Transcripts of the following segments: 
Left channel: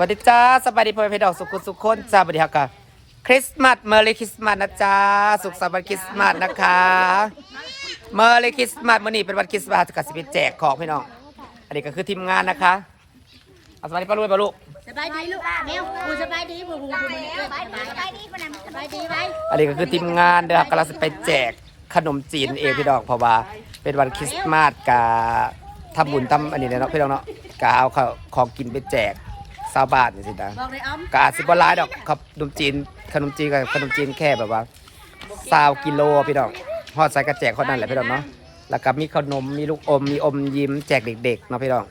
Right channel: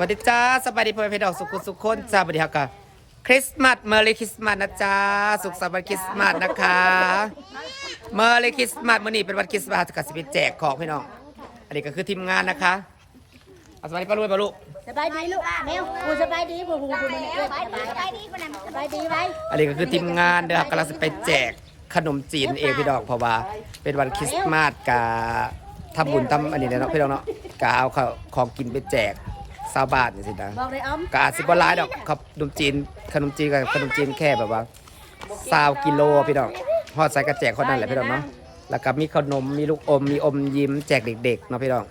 วัสดีจ้าสบายดีพ่อแม่พี่น้องสุขุสุขคนจ้าสวัสดีค่ะคริสต์มาสเมอร์รี่คริสต์มาสนะจ้าสุขสันต์วันคริสต์มาสนะคะเมอร์รี่คริสต์มาสมื่อนี้เป็นวันคริสต์มาสกับสิบแจกของพี่น้องอันนี้ก็คือทีมงานนะคะเอาสวัสดีป้าลุยป้าลุสบายดีลูกเร็วกูสบายดีกูกูกูสบายดีสบายดีคนนั้นสบายดีไหมอันนี้ก็คือทีมงานเด้อครับกำลังจะไปแจกขนมจีนเองพี่น้องเพราะว่าเป็นวันคริสต์มาสกาทำบุญทำอันนี้เนาะพี่น้องเนาะกาเอาของกินไปแจก ชาวบ้านนี่สินะบอกเลยอ้อมก็อาจสิบร้ายดอกครับขนมจีน ขนมจีนกับขนมจีนแค่แบบว่าซาวกิโลพี่น้องฮอดใส่กระแจกคนนั้นแหละพี่น้องเนาะแล้วก็มีขนมมีลูกอมมีอมยิ้มแจกเด็กๆเนาะพี่น้อง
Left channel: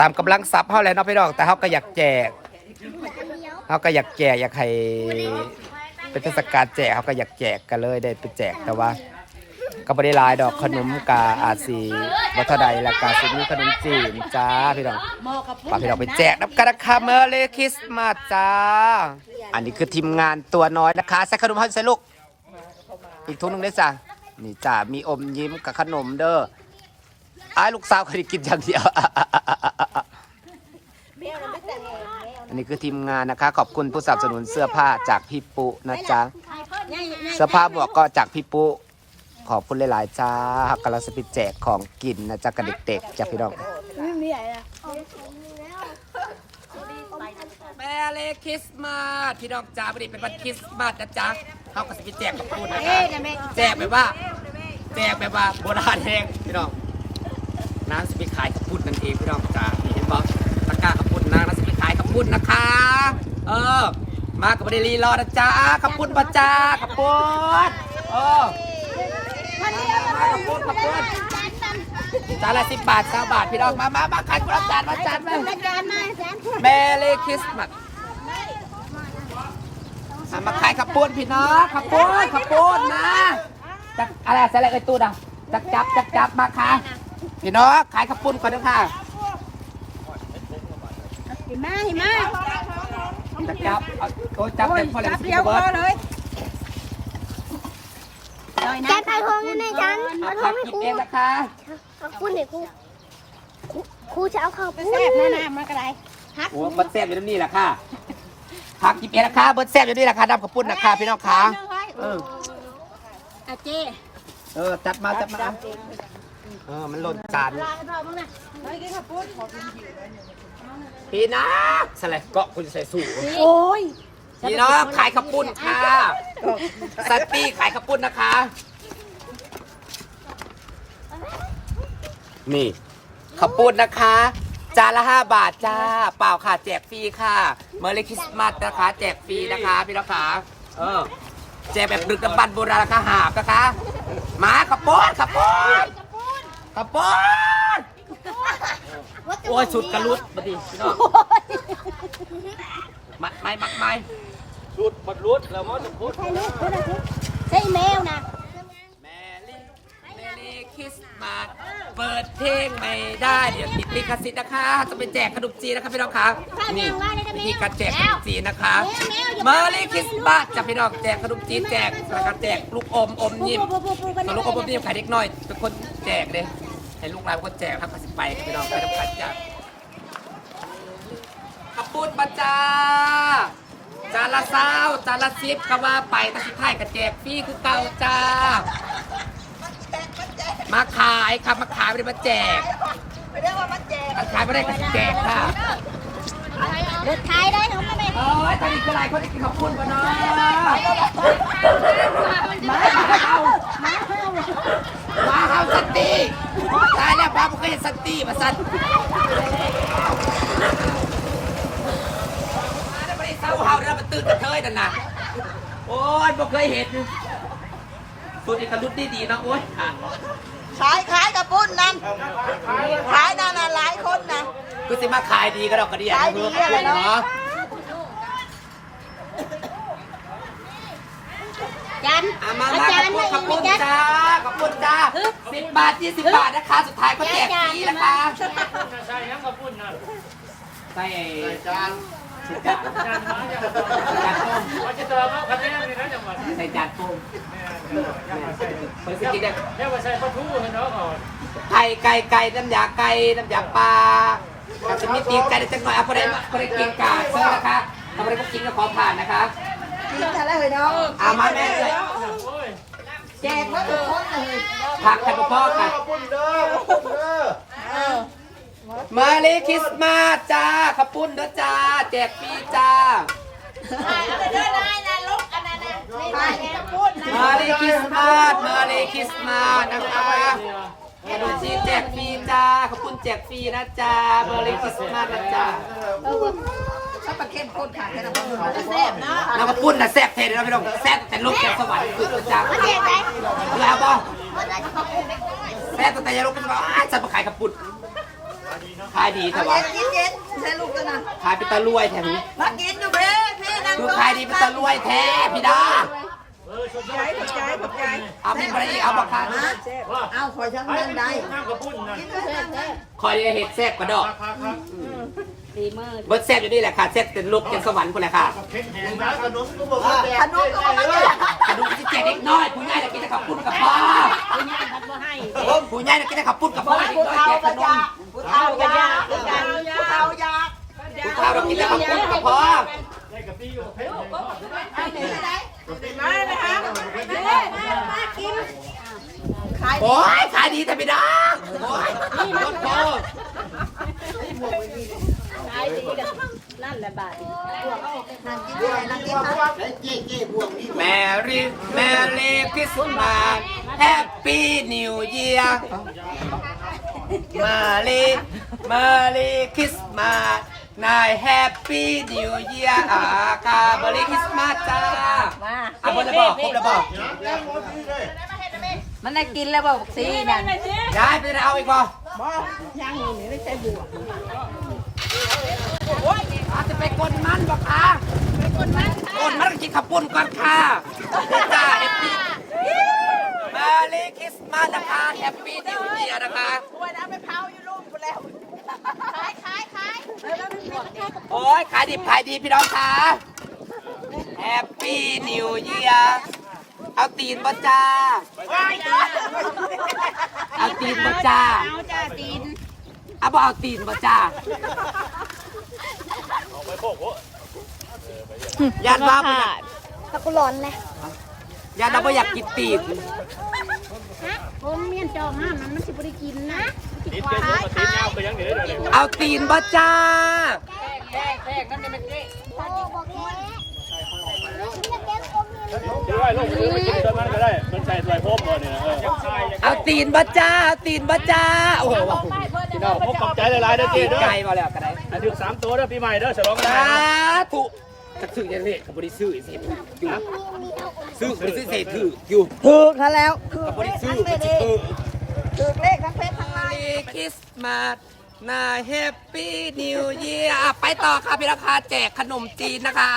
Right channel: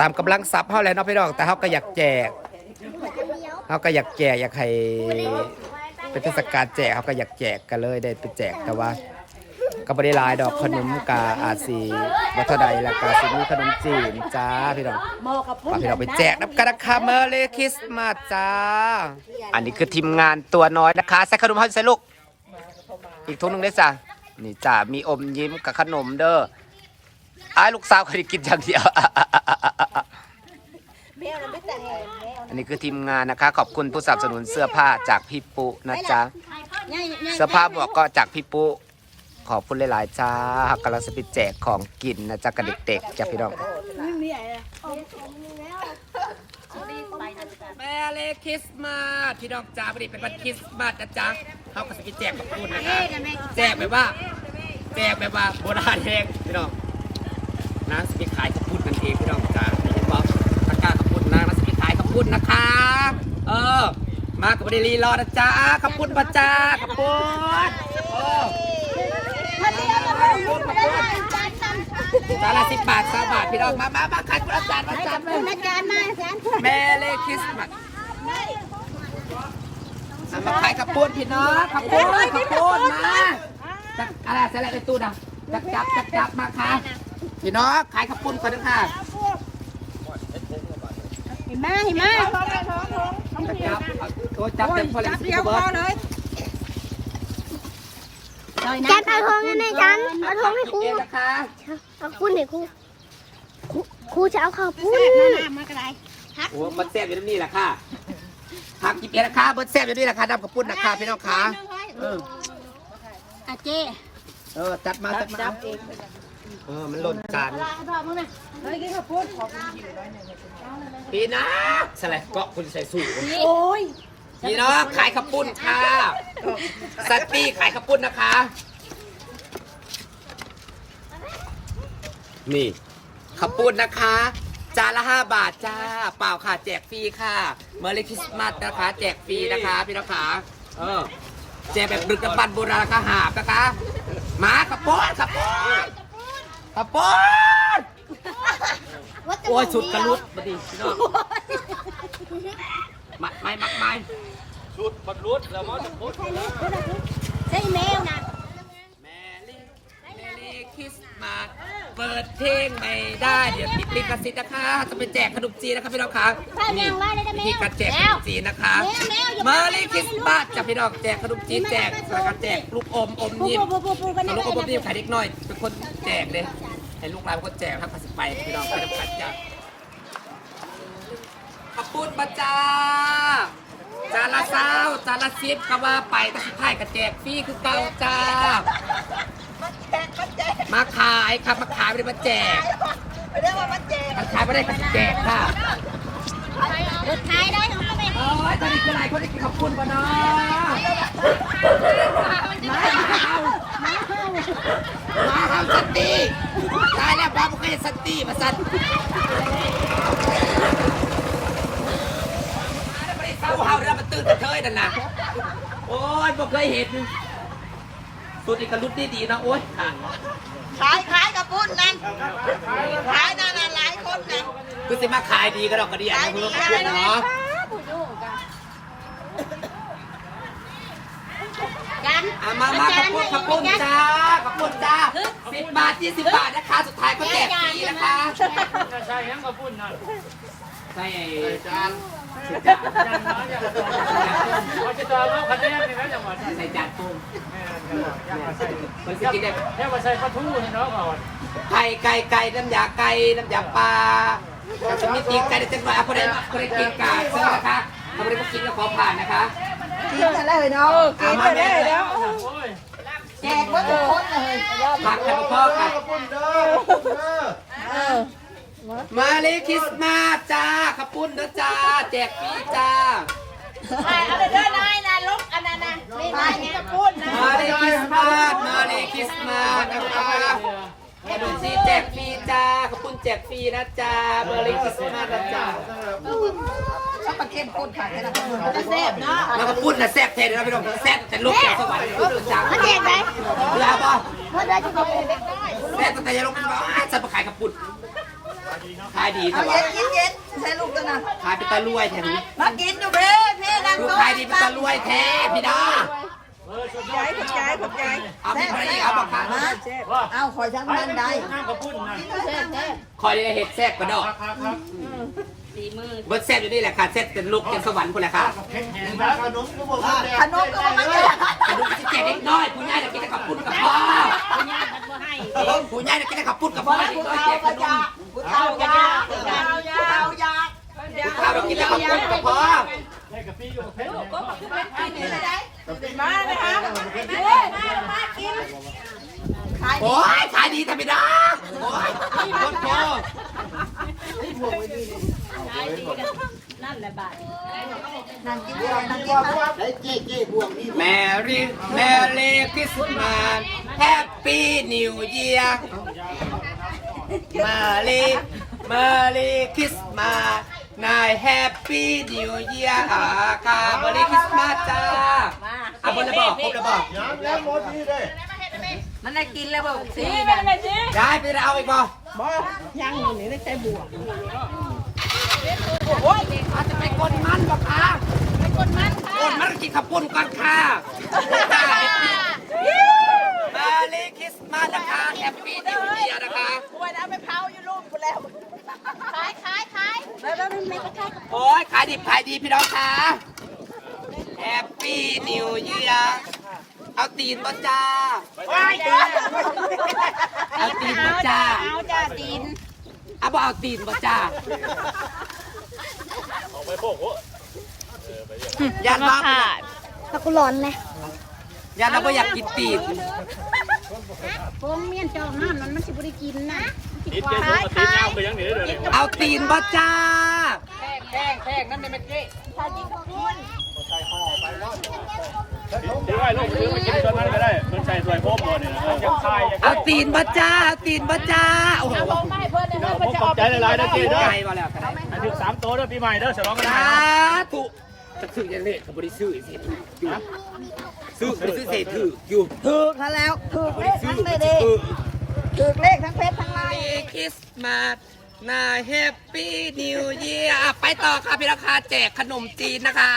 ตามกำลังทรัพย์เฮาแหล้วเนาะพี่น้องแต่เฮาก็อยากแจกเฮาก็อยากแจกอยากให้เป็นเทศกาลแจกเฮาก็อยากแจกกันเลยได้ไปแจกแต่ว่า ก็บ่ได้หลายดอกขนมกาอาจสิบ่เท่าใดแล้วก็สิมีขนมจีนจ้าพี่น้องบอกฝากพี่น้องไปแจกน้ำกันนะคะเมอร์เลยคริสต์มาสจ้า อันนี้คือทีมงานตัวน้อยนะคะใส่ขนมให้ใส่ลูก อีกทุกหนึ่งได้จ้ะนี่จ้ามีอมยิ้มกับขนมเด้อไอ้ายลูกสาวเคยกินอย่างเดียวอันนี้คือทีมงานนะคะ ขอบคุณผู้สนับสนุนเสื้อผ้าจากพี่ปุนะจ๊ะเสื้อผ้าหมวกก็จากพี่ปุ ขอบคุณหลายๆจ้ากำลังจะไปแจกของกินนะจ๊ะกับเด็กๆจ้ะพี่น้องมีอะไรแม่เลคริสต์มาสพี่น้องจ้าวันนี้เป็นวันคริสต์มาสนะจ๊ะเขาก็จะไปแจกกับคุณนะคะ แจกแบบว่า แจกแบบว่าโบราณแห้งพี่น้องนางจะไปขายขับปุ่นนั่นเองพี่น้องจ้านี่เห็นบอกตะกร้าขับปุ่นนางนางจะไปขายขับปุ่นนะคะ เออ มากับประเดลีรอนะจ๊ะขับปุ่นปะจ้าขับปุ่นเออ มามามาขับปุ่นขับปุ่นจานละสิบบาทสามบาทพี่น้องมามามาขายคนละจานละจานมาอาจารย์มาสามคนแมรี่คริสต์มาสเอามาขายขับปูนพี่น้องขับปูนขับปูนมาจักอะไรใส่อะไรไอ้ตู้ดะจับจับจับจับมาค่ะพี่น้องขายขับปูนก่อนนะค่ะหิมะหิมะจับจับเอาโอ้จับเด็กพอเลยสิบเบิร์ ดลอยน้ำขายของในจังเอาขับกินเองนะคะคุณเด็กครูครูจะเอาเข้าปูแซ่บแน่น้ำมันอะไรโอ้เบิร์ดแซ่บอยู่ตรงนี้แหละค่ะขับกินเองนะคะเบิร์ดแซ่บอยู่นี่แหละค่ะดำขับปูนนะคะพี่น้องค่ะเอออาเจ้เออจับมาจับมาเออมันหล่นจานลาไปพ่อมึงนะเลยกินข้าวปุ้นพี่น้องสลัดเกาะคุณจะใส่สูทโอ้ย พี่น้องขายขับปุ้นค่ะสัตตี้ขายขับปุ้นนะคะ นี่ขับปุ้นนะคะ จานละห้าบาทจ้า เปล่าค่ะ แจกฟรีค่ะเมอร์รี่คริสต์มาสนะคะ แจกฟรีนะคะพี่น้องขาเออ แจกแบบดึกดำบรรพ์โบราณราคาหาบนะคะมาขับปุ้นขับปุ้นขับปุ้นโอ้ยสุดกระลุดมาดิพี่น้อง มัดไม้มัดไม้ใช่แมวนะแมรี่แมรี่คริสต์มาสเปิดเพลงไม่ได้เดี๋ยวติดลิขสิทธิ์นะคะ จะไปแจกขนมจีนนะคะพี่น้องคะนี่วิธีการแจกขนมจีนนะคะเมอรี่คริสต์มาสจะพี่น้องแจกขนมจีนแจกรายการแจกลูกอมอมยิ้มส่วนลูกอมอมยิ้มขายเด็กน้อยเป็นคนแจกเลยให้ลูกหลานเป็นคนแจกครับภาษีไปครับพี่น้องไปทำกันจ้ะ ขอบคุณบัจจาจานละเศร้าจานละสิบก็ว่าไปแต่สุดท้ายก็แจกฟรีคือเก่าจ้า มาขายครับมาขายไม่ได้มาแจกการขายไม่ได้ก็แจกค่ะขายได้หนูไม่โอ้ยตอนนี้คืออะไรคนได้กินขอบคุณป่ะเนาะมาเฮามาเฮามาเฮาสันติตายแล้วบ้าไม่เคยเห็นสันติมาสันมาได้ไม่ได้ เศร้าเฮาแล้วมันตื่นกระเทยนั่นน่ะโอ้ยไม่เคยเห็นสุดอีกกระลุดดีดีๆนะโอ้ยห่างขายขายกับปุ้นนั่นขายนั่นน่ะหลายคนนั่นคือสิมาขายดีก็ดอกกระเดียนนะเพื่อนขอบคุณเนาะจันอามามาขอบคุณขอบคุณจ้าขอบคุณจ้าสิบบาทยี่สิบบาทนะคะ สุดท้ายก็แจกฟรีนะคะใช่ยังก็พูดหน่อยใส่จานใส่ จานจานน้อยอย่างก็ว่าจะเติมเอาคะแนนในนั้นจังหวัดใส่จานปุ้มแม่จังหวัดยังมาใส่คนสกินได้ยังมาใส่ปลาทูให้น้องก่อนไก่ไก่ไก่น้ำยาไก่น้ำยาปลาแต่จะมีตีใจได้จังหน่อยเอาพอได้พอได้กินกาเชิญนะคะเอาได้พวกกินก็ขอผ่านนะคะกินกันเลยเนาะเอามาแม่เลยโอ้ยแจกว่าทุกคนเลยผักกันพ่อกัน มาเลยคริสต์มาสจ้าขอบคุณนะจ้า แจกฟรีจ้า มาเลยคริสต์มาสมาเลยคริสต์มาสนะคะขนมจีนแจกฟรีจ้าขอบคุณแจกฟรีนะจ้ามาเลยคริสต์มาสนะจ้าชอบมาเข้มข้นค่ะแค่นั้นก็แซ่บเนาะแล้วขอบคุณนะแซ่บเทนนะพี่น้องแซ่บแต่ลูกแก้วสวรรค์คุณจ้าแล้วบ่แซ่บแต่ยังลูกเป็นว่าจะมาขายกับปุ่น ขายดีเอาแต่ว่าเย็นเย็นใช้ลูกกันนะขายเป็นตะลุยแถมนี้มากินอยู่เพ่เพ่นั่งคือขายดีเป็นตะลุยแท้พี่ดาเออสุดยอดเอามีอะไรอีกเอาบักคันเอาคอยทั้งเงินได้น้ำกระปุ้นนะคอยเห็ดแซ่บกระดอกเบิร์ดแซ่บอยู่นี่แหละค่ะแซ่บเป็นลูกเป็นสวรรค์คนแหละค่ะเผ็ดแห้งนะขนมก็บอกว่าแดขนมก็มาเนี่ยกระดูกจะแจกเล็กน้อยผู้ใหญ่จะกินแต่ขับปุ้นกับพ่อ ผู้ใหญ่จะกินแต่ขับปุ้นกับพ่อเด็กผู้น้อยเฒ่าแจกขก็นยามผู้เฒ่ายาผู้เฒ่ายาผู้เฒ่าเรากินแต่ขับปุ้นกับพ่อให้กะปิกับเผ็ดมาเลยค่ะมากินขายโอ้ยขายดีแต่ไม่ได้โอ้ยโคตรโคตรบวงนี่บวงบวงไอ้เจ๊เจ๊บวงนี่แมรี่แมรี่คริสต์มาสแฮปปี้นิวเยียร์มาเลยมาเลยคริสต์มาสนายแฮปปี้นิวเยียร์อากาบริคริสต์มาสจ้าอะผมจะบอกผมจะบอกน้ำแล้วหมดนี่เลยมันได้กินแล้วบอกสิแม่ย้ายไปเอาอีกบ่ อาจจะไปกดมันบอกค่ะกดมันกดมันกินขับปุ่นก่อนค่ะจ้าเอฟพีมาเลยคริสต์มาสนะคะแฮปปี้นิวเยียร์นะคะโอ้ยขายดิบขายดีพี่น้องค่ะแฮปปี้นิวเยียร์เอาตีนบ่จ้าเอาตีนบ่จ้าเอาจ้าตีนเอาบ่เอาตีนบ่จ้า ยันว่าตะกุหลอนเนี่ยยันว่าบ่อยากกินตีนผมเมียนจองห้ามมันมันสิบริกินนะมันสิควายตีน้ำไปยังเหนือเดี๋ยวเอาตีนบ่จ้าถือไว้ลูกถือไปกินตัวมันก็ได้มันใส่ถ้วยพมเลยเนี่ยเอาตีนบ่จ้าเอาตีนบ่จ้าโอ้โหพี่น้องผมขอบใจหลายๆเด้อเจ๊เด้อไก่บ่แล้วกันได้ให้ ถึงสามตัวเด้อปีใหม่เด้อฉลองกันสานะธุจะซื้อยังไงกับบริซื้อเสียถืออยู่ซื้อบริซื้อเสียถืออยู่ถูกแล้ว ถูกบเลริขซื้ทั้องเด็ถูกถูกเลขทั้งเพชรทั้ง Merry Christmas นาแฮปปี้นิวเยียร์ไปต่อค่ะพี่ราคาแจกขนมจีนนะคะ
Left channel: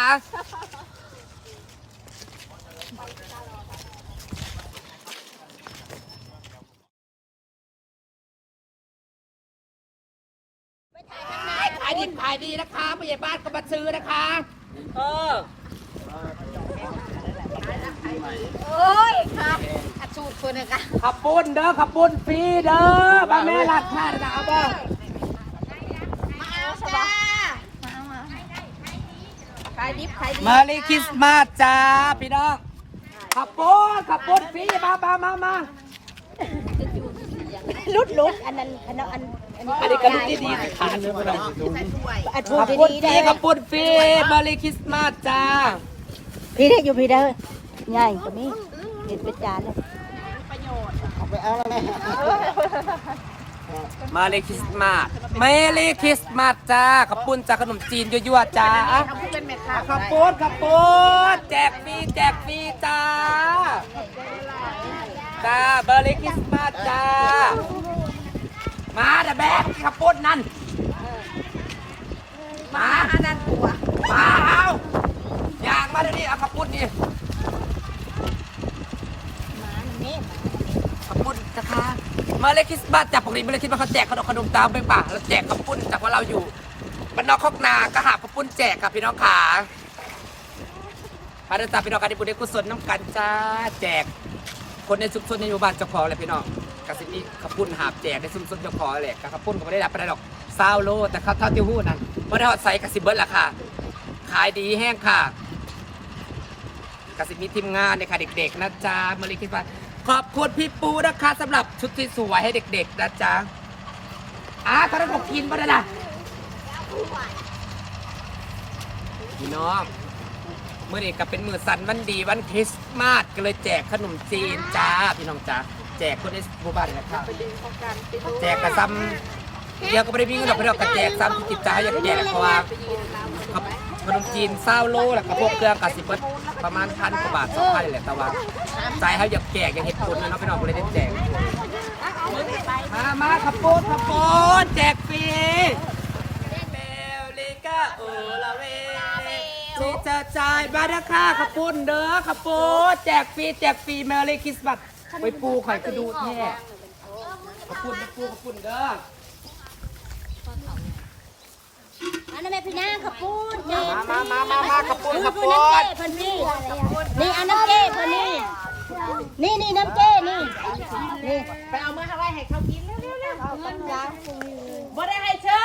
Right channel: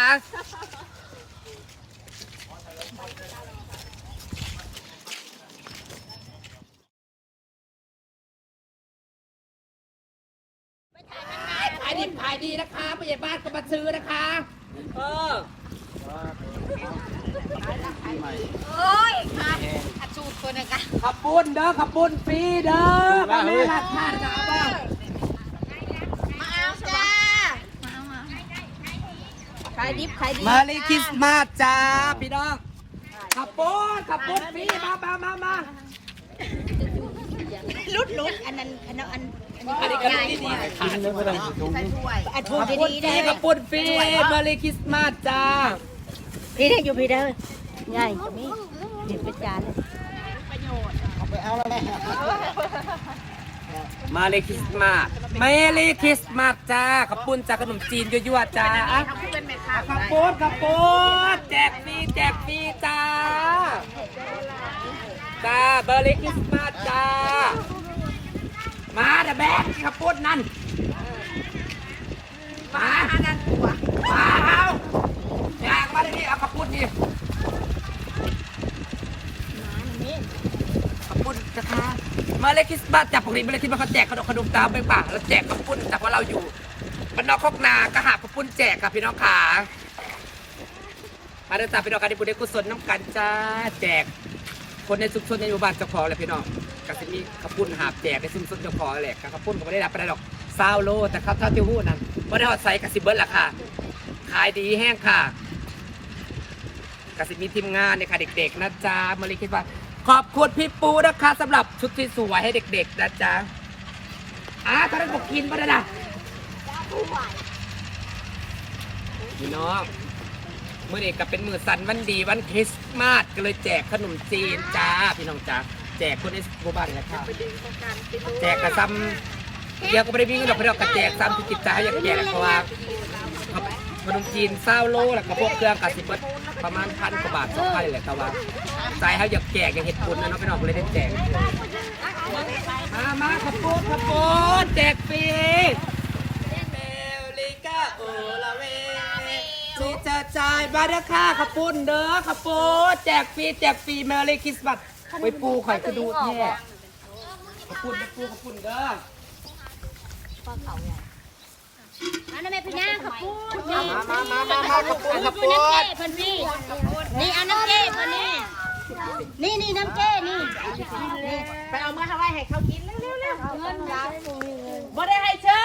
ายดิบขายดีนะคะผู้ใหญ่บ้านก็มาซื้อนะคะเออโอ้ยค่ะอาจูดคนนึงอะขับปุ้นเด้อขับปุ้นฟรีเด้อบ้านแม่ลาดข้านะเอาบ้างจ้าขายดิบขายดีมาลีคริสต์มาสจ้าพี่น้องขับปุ้นขับปุ้นฟรีมามามามาลุดลุดอันนั้นอันนั้น อันนี้ก็ลูกที่ดีขันเนื้อไปเลยอันพูขัดบปุ้นดีฟๆรีได้ขับปุ้นฟรีมาเลีคริสต์มาสจ้า พี่ได้อยู่พี่ได้อง่ายกว่านี้เด็ดเป็นจานมาเลีคริสต์มาสมาเลีคริสต์มาสจ้าขับปุ้นจากขนมจีนยั่วๆจ้าขับปุ้นขับปุ้นแจกฟรีแจกฟรีจ้าจ้าเบอร์ลีคริสต์มาสจ้า มาเดะแบกขับปุ้นนั่น มา มาเอาอยากมาเดี๋ยวนี้เอาขับปุ้นนี่ขับปุ้นนะคะมาเลยคริสต์มาสจากปกติมาเลยคริสต์มาเขาแจกขนมขนมตามไปป่าแล้วแจกขับปุ้นแต่ว่าเราอยู่บ้านนอกคอกนาก็หาขับปุ้นแจกค่ะพี่น้องขาพาเดินตามพี่น้องกันในบุญในกุศลน้ำกันจ้าแจก คนในชุมชนในหมู่บ้านเจ้าของแหละพี่น้อง ก็จะมีขับปุ้นหาบแจกในชุมชนเจ้าของแหละขับปุ้นก็ไม่ได้รับอะไรหรอกซาวโลแต่เขาเท่าที่หู้นั่นบ่ได้ฮอดใส่กระสิบเบิร์ดละค่ะ ขายดีแห้งค่ะกระสิมีทีมงานเนี่ยค่ะเด็ก ๆ นะจ๊ะมารีคิดว่า ขอบคุณพี่ปูนะคะสำหรับชุดที่สวยให้เด็ก ๆ นะจ๊ะอะตอนนั้นบอกกินบ่ได้นะพี่น้องเมื่อนี้ก็เป็นมือสันวันดีวันคริสต์มาสก็เลยแจกขนมจีนจ้าพี่น้องจ้า แจกคนในหมู่บ้านนี่แหละค่ะแจกกระซ้ำเดี๋ยวก็ไม่ได้มีเงินดอกพี่น้องก็แจกซ้ำที่จิตใจอยากแจกเพราะว่าขนมจีนเศร้าโลแล้วก็พวกเครื่องกสิบเบิดประมาณพันกว่าบาทสองพันนี่แหละแต่ว่าใจเขาอยากแจกอยากเห็ดบุญนะเนาะพี่น้องก็เลยได้แจก มามาขับปูนขับปูนแจกฟรีเบลลิก้าโอลาเวที่จะจ่ายบาราค่าขับปูนเด้อขับปูนแจกฟรีแจกฟรีเมอรี่คริสต์มาส ไปปูข่อยก็ดูแท้ขับปูนเด้อปูขับปูนเด้ออันนั้นแม่พี่นางขปูดมามามามามาขับปูนขับปูนคนนี้นี่อันน้ำเจ้คนนี้นี่นี่น้ำเจ้นี่นี่ไปเอามาให้ไว้ให้เขากินเร็วๆเงินนะๆบ่ได้ให้เชื่อ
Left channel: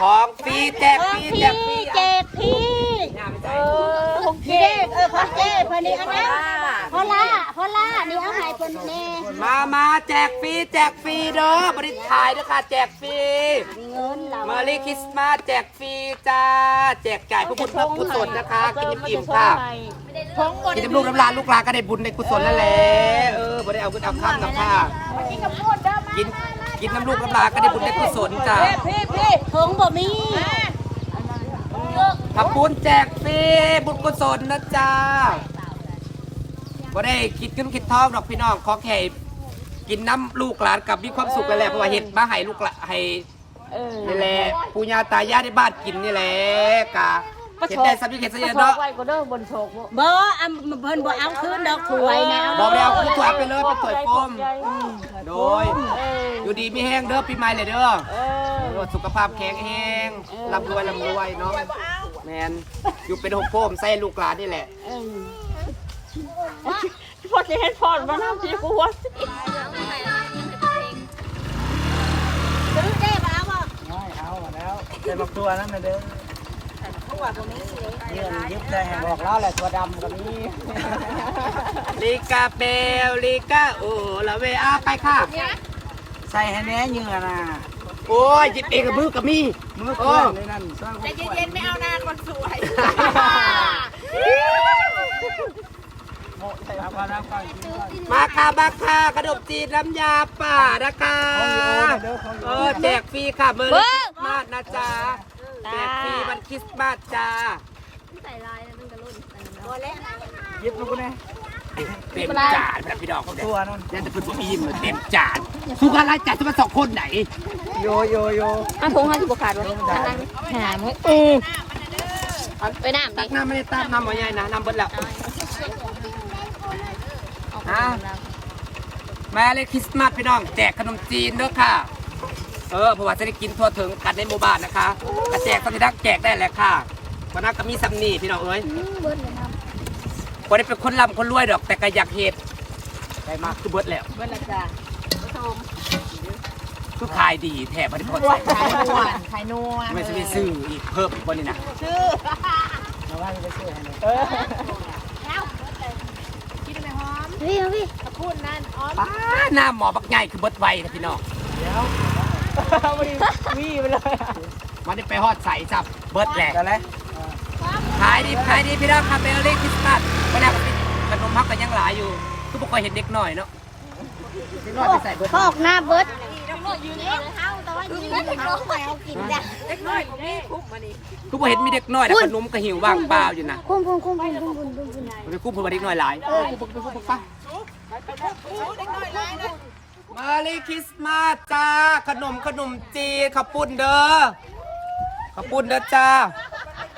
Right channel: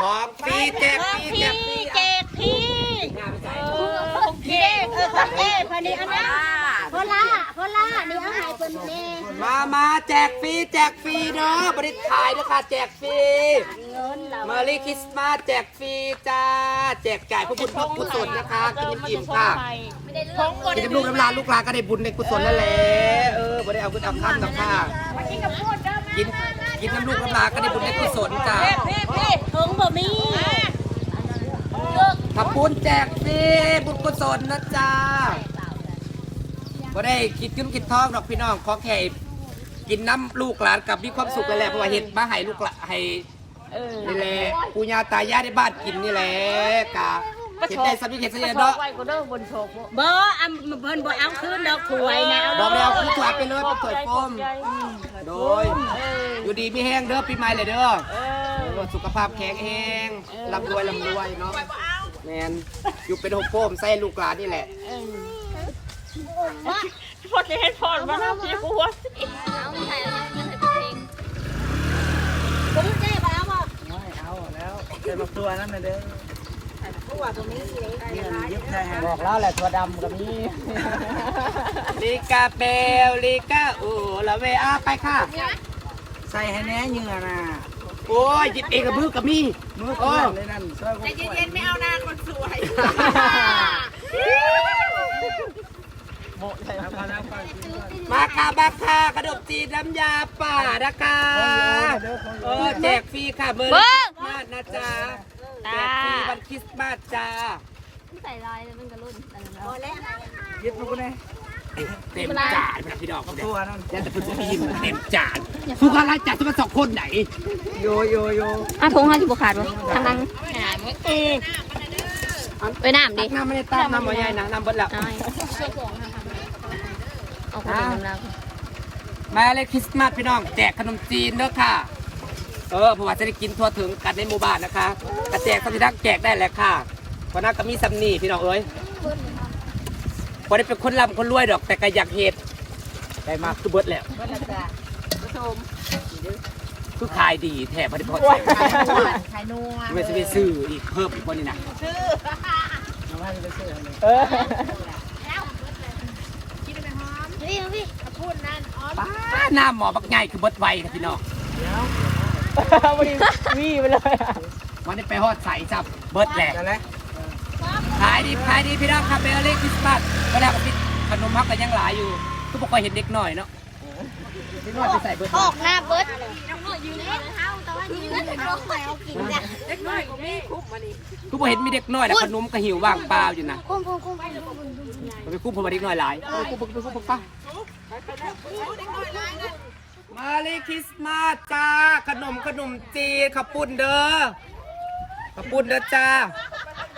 ของฟรีแจกฟรีแจพี่กฟรีแจกพี่เนี่ยไปจ่ายพี่ เออพ่อเจ้คนนี้เอานะพอล่าพอล่านี่เอาให้คนนี้มามาแจกฟรีแจกฟรีเด้อบริขายเด้อค่ะแจกฟรีเงินเรามารีคริสต์มาสแจกฟรีจ้า แจกจ่ายพระบุญพระกุศลนะคะ กินน้ำอิ่มค่ะ กินน้ำลูกน้ำลานลูกลานก็ได้บุญในกุศลนั่นแหละเออบ่ได้เอาเงินเอาคำนะค่ะกินกินน้ำลูกน้ำลานก็ได้บุญในกุศลจ้า พี่พี่ทงบ่มี ขอบคุณแจกฟรีบุญกุศลนะจ้าบ่ได้คิดขึ้นคิดทองหรอกพี่น้องขอแค่กินน้ำลูกหลานกับมีความสุขนั่นแหละเพราะว่าเห็ดมาให้ลูกหลานให้นี่แหละปู่ย่าตายายในบ้านกินนี่แหละกะเห็ดได้สัมผัสเห็ดเสียเนาะไว้ก็เด้อบนโชกบ่บ่อันเพิ่นบ่เอาคืนดอกถวยนะบอกแล้วคือถวยไปเลยเป็นถวยโฟมโดย อยู่ดีมีแห้งเด้อปีใหม่เลยเด้อเออสุขภาพแข็งแรงร่ำรวยร่ำรวยเนาะ แมนอยู่เป็นหกโฟมใส่ลูกหลานนี่แหละพอจะเฮ็ดพอบ่นำสิกูว่าซื้อได้บ่เอาบ่เอาแล้วใส่บักตัวนั้นมาเลยเนี่ยยึดใส่หางแล้วแหละตัวดำตัวนี้ลิกาเบลลิกาโอ้ละเวอาไปค่ะ ใส่ให้แน่เหงื่อน่ะโอ้ยหยิบเองกับมือกับมีมือโอ้เปื้อนเลยนั่นใจเย็นๆไม่เอานา คนสวยเอาความรักไปมาค่ะมาค่ะขนมจีนน้ำยาป่านะคะเออแจกฟรีค่ะเมื่อคริสต์มาสนะจ๊ะแจกฟรีวันคริสต์มาสจ้ายึดลูกนะ เต็มจานแบบพี่ดอกเขาเนี่ยตัวนั่นนั่นจะเป็นผู้อิ่มเหมือนเต็มจานทุกคนรายจ่ายจะมาสองคนไหน โยโยโยอันถุงให้กูขาดอันนั้นหาบ่เออไปน้ำตัดิกน้ำไม่ได้ตักน้ำหมอใหญ่นะน้ำเบิดแล้วนะแม่เลยคริสต์มาสพี่น้องแจกขนมจีนเด้อค่ะ เออเพราะว่าจะได้กินทั่วถึงกันในหมู่บ้านนะคะกระแจกสัมผัสแจกได้แหละค่ะวันนั้นก็มีซัมนี่พี่น้องเอ้ย วันนี้เป็นคนร่ำคนรวยดอกแต่ก็อยากเห็ดแต่มาคือเบิดแล้ว เบิ่นละจ้ะผสมคือขายดีแถมบริพอใส่ไข่นัวไม่ใช่ไปซื้ออีกเพิ่มอีกวันนี้นะเอาไว้ไปซื้อให้เลยพี่พี่ป้าหน้าหมอบักใหญ่คือเบิดไวนะพี่น้องเดี๋ยววีไปเลยวันนี้ไปฮอดใส่จับเบิดแหละ เดี๋ยวแล้ว ขายดีขายดีพี่น้องครับเบลลี่คริสต์มาสวันแรกก็ปิดขนมฮักกันยังหลายอยู่ก็บอกว่าเห็นเด็กหน่อยเนาะเด็กหน่อยไปใส่เบิดพอกหน้าเบิดอยู่ในเฮาแต่ว่าอยู่ในเฮาไปเอากินจ้ะเล็กน้อยบ่มีคุกมานี่ก็บอกเห็นมีเด็กน้อยแต่ขนมก็หิวว่างเปล่าอยู่นะคุ้มคุ้มคุ้มคุ้มคุ้มคุ้มมันไปคุ้มเพราะว่าเด็กน้อยหลายไปคุ้มไปคุ้มไปป้ามาเลยคริสต์มาสจ้าขนมขนมจีนข้าวปุ้นเด้อข้าวปุ้นเด้อจ้า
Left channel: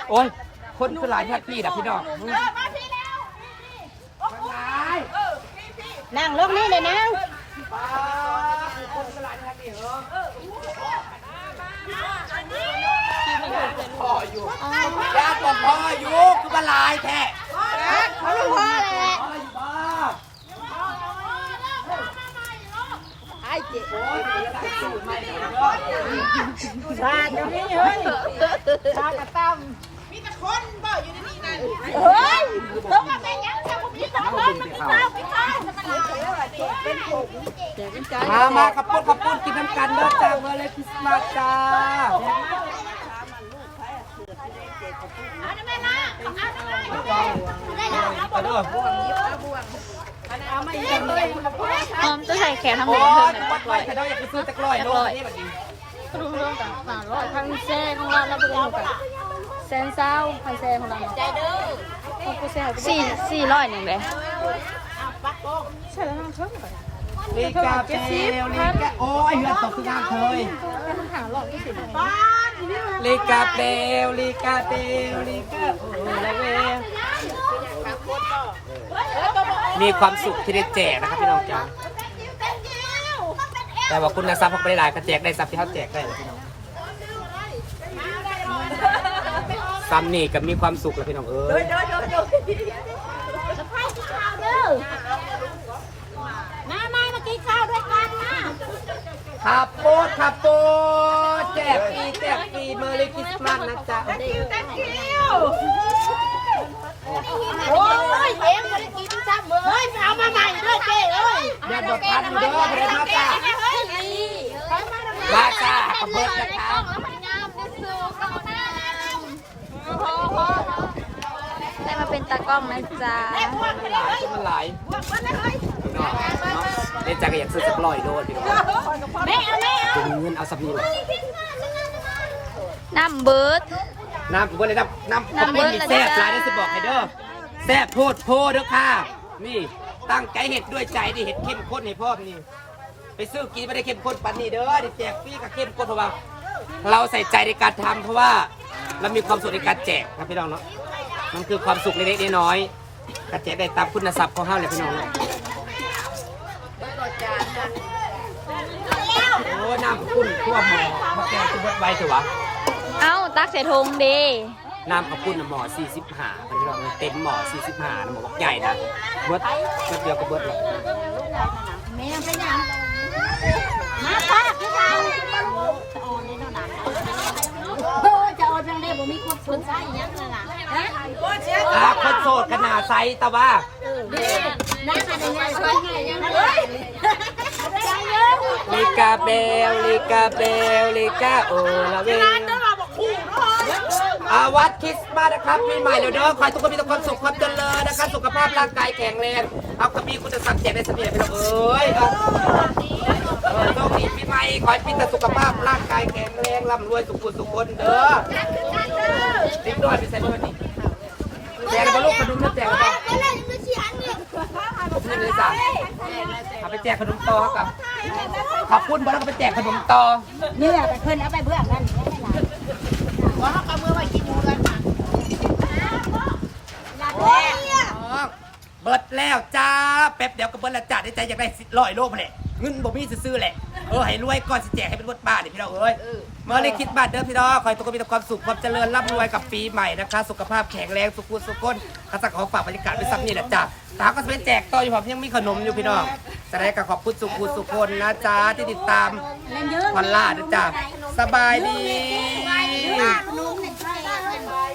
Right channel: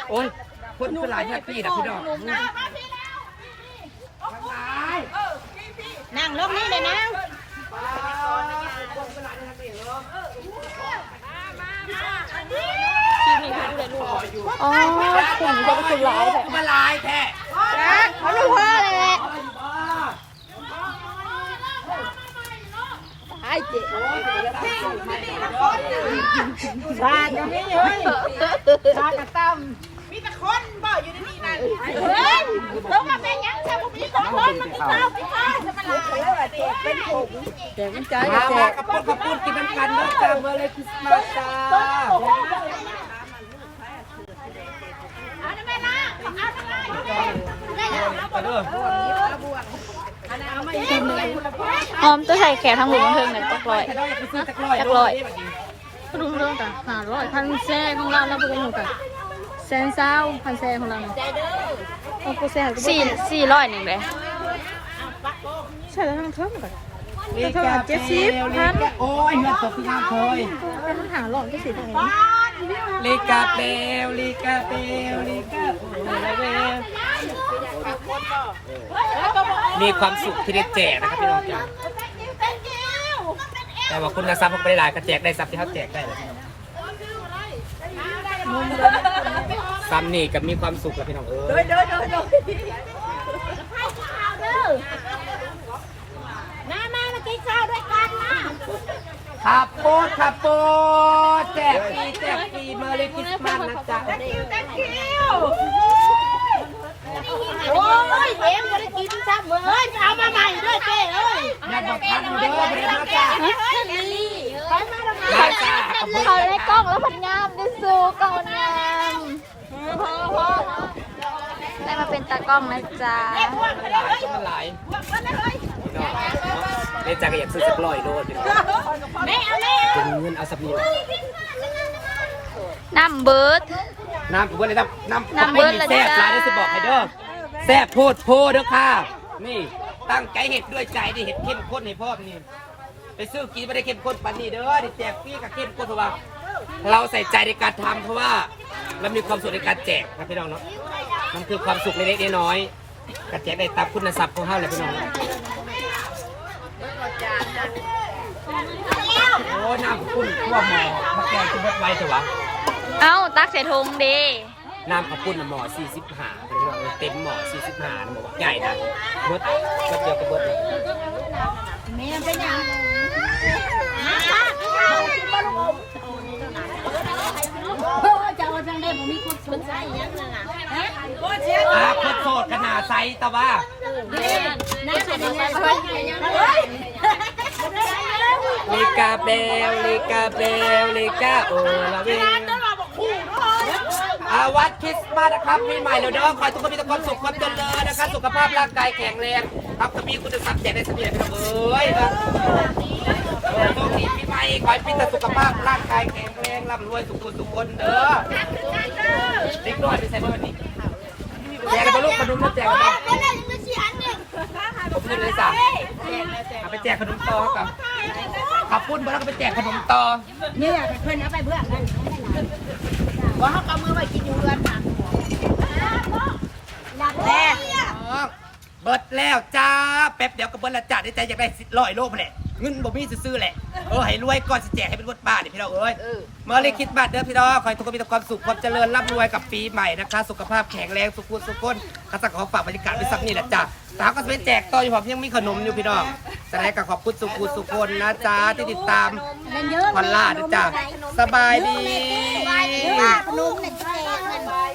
โอ้ย คนคือหลายแท็กซี่นะพี่น้องนั่งลงนี่เลยนั่งอ๋อผมบอกอยู่คือมาลายแท้เขาลูกพ่อเลยไอ้บาดเดี๋ยวนี้เฮ้ยบาดกระตั้ม เฮ้ยเพราะว่าแม่ยังทำผมนี่ของคนมันกินข้าวกินข้าวมามาขับปุ้นขับปุ้นกินน้ำกันเด้อจ้าเมื่อไรคริสต์มาสจ้าเอาได้ไหมล่ะเอาได้ไหมเอาเด้อหอมจะใส่แขกทั้งหมดเพิ่มหน่อยจักร้อยถ้าได้อยากไปซื้อจักร้อยจักร้อยโลนี่บัดนี้กรุงเมืองกับฝาร้อยพันเซนเราแล้วกรุงกับ เซนเศร้าพันเซนของเราเอากูแซ่บสี่สี่ร้อยหนึ่งเลยใช่แล้วมันชอบแบบลีกาเปลลีกาโอ้ยเฮือนตกคืองามเคยมันห่างหลอดก็สิลีกาเปลลีกาเปลลีกาโอ้ละเวมีความสุขที่ได้แจกนะครับพี่น้องจ้าแต่ว่าคุณนะซับเขาไม่ได้หลายก็แจกได้ซับที่เขาแจกได้แหละพี่น้อง ซัมนี่กับมีความสุขแล้วพี่น้องเอ้ยมามามากินข้าวด้วยกันนะขับโป๊ดขับโป๊ดแจกฟรีแจกฟรีเมอร์รี่คริสต์มาสนะจ๊ะ โอ้ยเอ็มจะได้กินซ้ำเฮ้ยเอามาใหม่ด้วยเจ้เอ้ยอย่าบดทันเด้อเดี๋ยวมาจ้ามาจ้าขับเบิร์ดเขาได้องแล้วพันงามดิสูก่อนงาม ได้มาเป็นตากล้องนะจ๊ะมันหลายนมันหลายพี่น้องเนาะเดี๋ยวจ้าก็อยากซื้อสักร้อยโลพี่น้องเอาแม่เป็นเงินเอาสักนิดน้ำเบิร์ดน้ำกับเบิร์ดเลยน้ำน้ำน้ำเบิร์ดละแซ่บจ้าหลายได้สิบอกให้เด้อแซ่บโพดโพดเด้อค่ะ นี่ตั้งใจเห็ดด้วยใจดิเห็ดเข้มข้นให้พ่อนี่ไปซื้อกินไม่ได้เข้มข้นปานนี้เด้อเดี๋ยวแจกฟรีกับเข้มข้นเพราะว่าเราใส่ใจในการทำเพราะว่า เรามีความสุขในการแจกนะพี่น้องเนาะมันคือความสุขเล็กๆน้อยๆการแจกได้ตามคุณทรัพย์ของเขาเลยพี่น้องเนาะโอ้น้ำข้าวปุ้นทั่วหมอมาแกงที่บดไว้เถอะวะเอ้าตักใส่ถุงดีน้ำข้าวปุ้นน่ะหมอ45เป็นพี่น้องเต็มหมอ45นะหมอบอกใหญ่นะเบดเบดเดียวก็เบดเลยแม่เป็นยังมาค่ะกินข้าว โอ้ยจะเอาจังได้บ่มีความสุขใจยังเลยล่ะฮะอ่าคนโสดขนาดไซส์แต่ว่านั่นเป็นยังไงใช่ยังไงลิกาเบลลิกาเบลลิกาโอลาเวลอาวัดคริสต์มาสนะครับปีใหม่แล้วเด้อขอให้ทุกคนมีแต่ความสุขความเจริญนะครับสุขภาพร่างกายแข็งแรง ครับก็มีคุณธรรมแจกได้สำเร็จไปแล้วเอ้ยเออโชคดีปีใหม่ขอให้มีแต่สุขภาพร่างกายแข็งแรงร่ำรวยสุขคนสุขคนเด้อเด็กน้อยไปใส่บอร์วันนี้แจกกับลูกขนมแจกกับผมนี่เลยจ้ะเอาไปแจกขนมต่อครับขอบคุณบอลก็ไปแจกขนมต่อนี่แหละแต่เพิ่อนเอาไปเบื่อกันไม่ได้หลายว่าเขาเอามือไปกินเงินค่ะหลับแล้ว เบิดแล้วจ้าแป๊บเดียวก็เบิดแล้วจ้าได้ใจอยากได้ร้อยโลมาแหละเงินบ่มีซื้อๆแหละเออให้รวยก่อนสิแจกให้เป็นรถบ้านนี่พี่น้องเอ้ยเมื่อไรคิดบัตรเด้อพี่น้องขอให้ทุกคนมีแต่ความสุขความเจริญร่ำรวยกับปีใหม่นะคะ สุขภาพแข็งแรงสุขุมสุขคนข้าสักขอฝากบรรยากาศไว้สักนี่แหละจ้าตาก็จะไปแจกต่ออยู่ผมยังมีขนมอยู่พี่น้องแต่ได้ก็ขอบคุณสุขุมสุขคนนะจ้าที่ติดตามเล่นเยอะพอลล่านะจ้าสบายดีขนมเนี่ย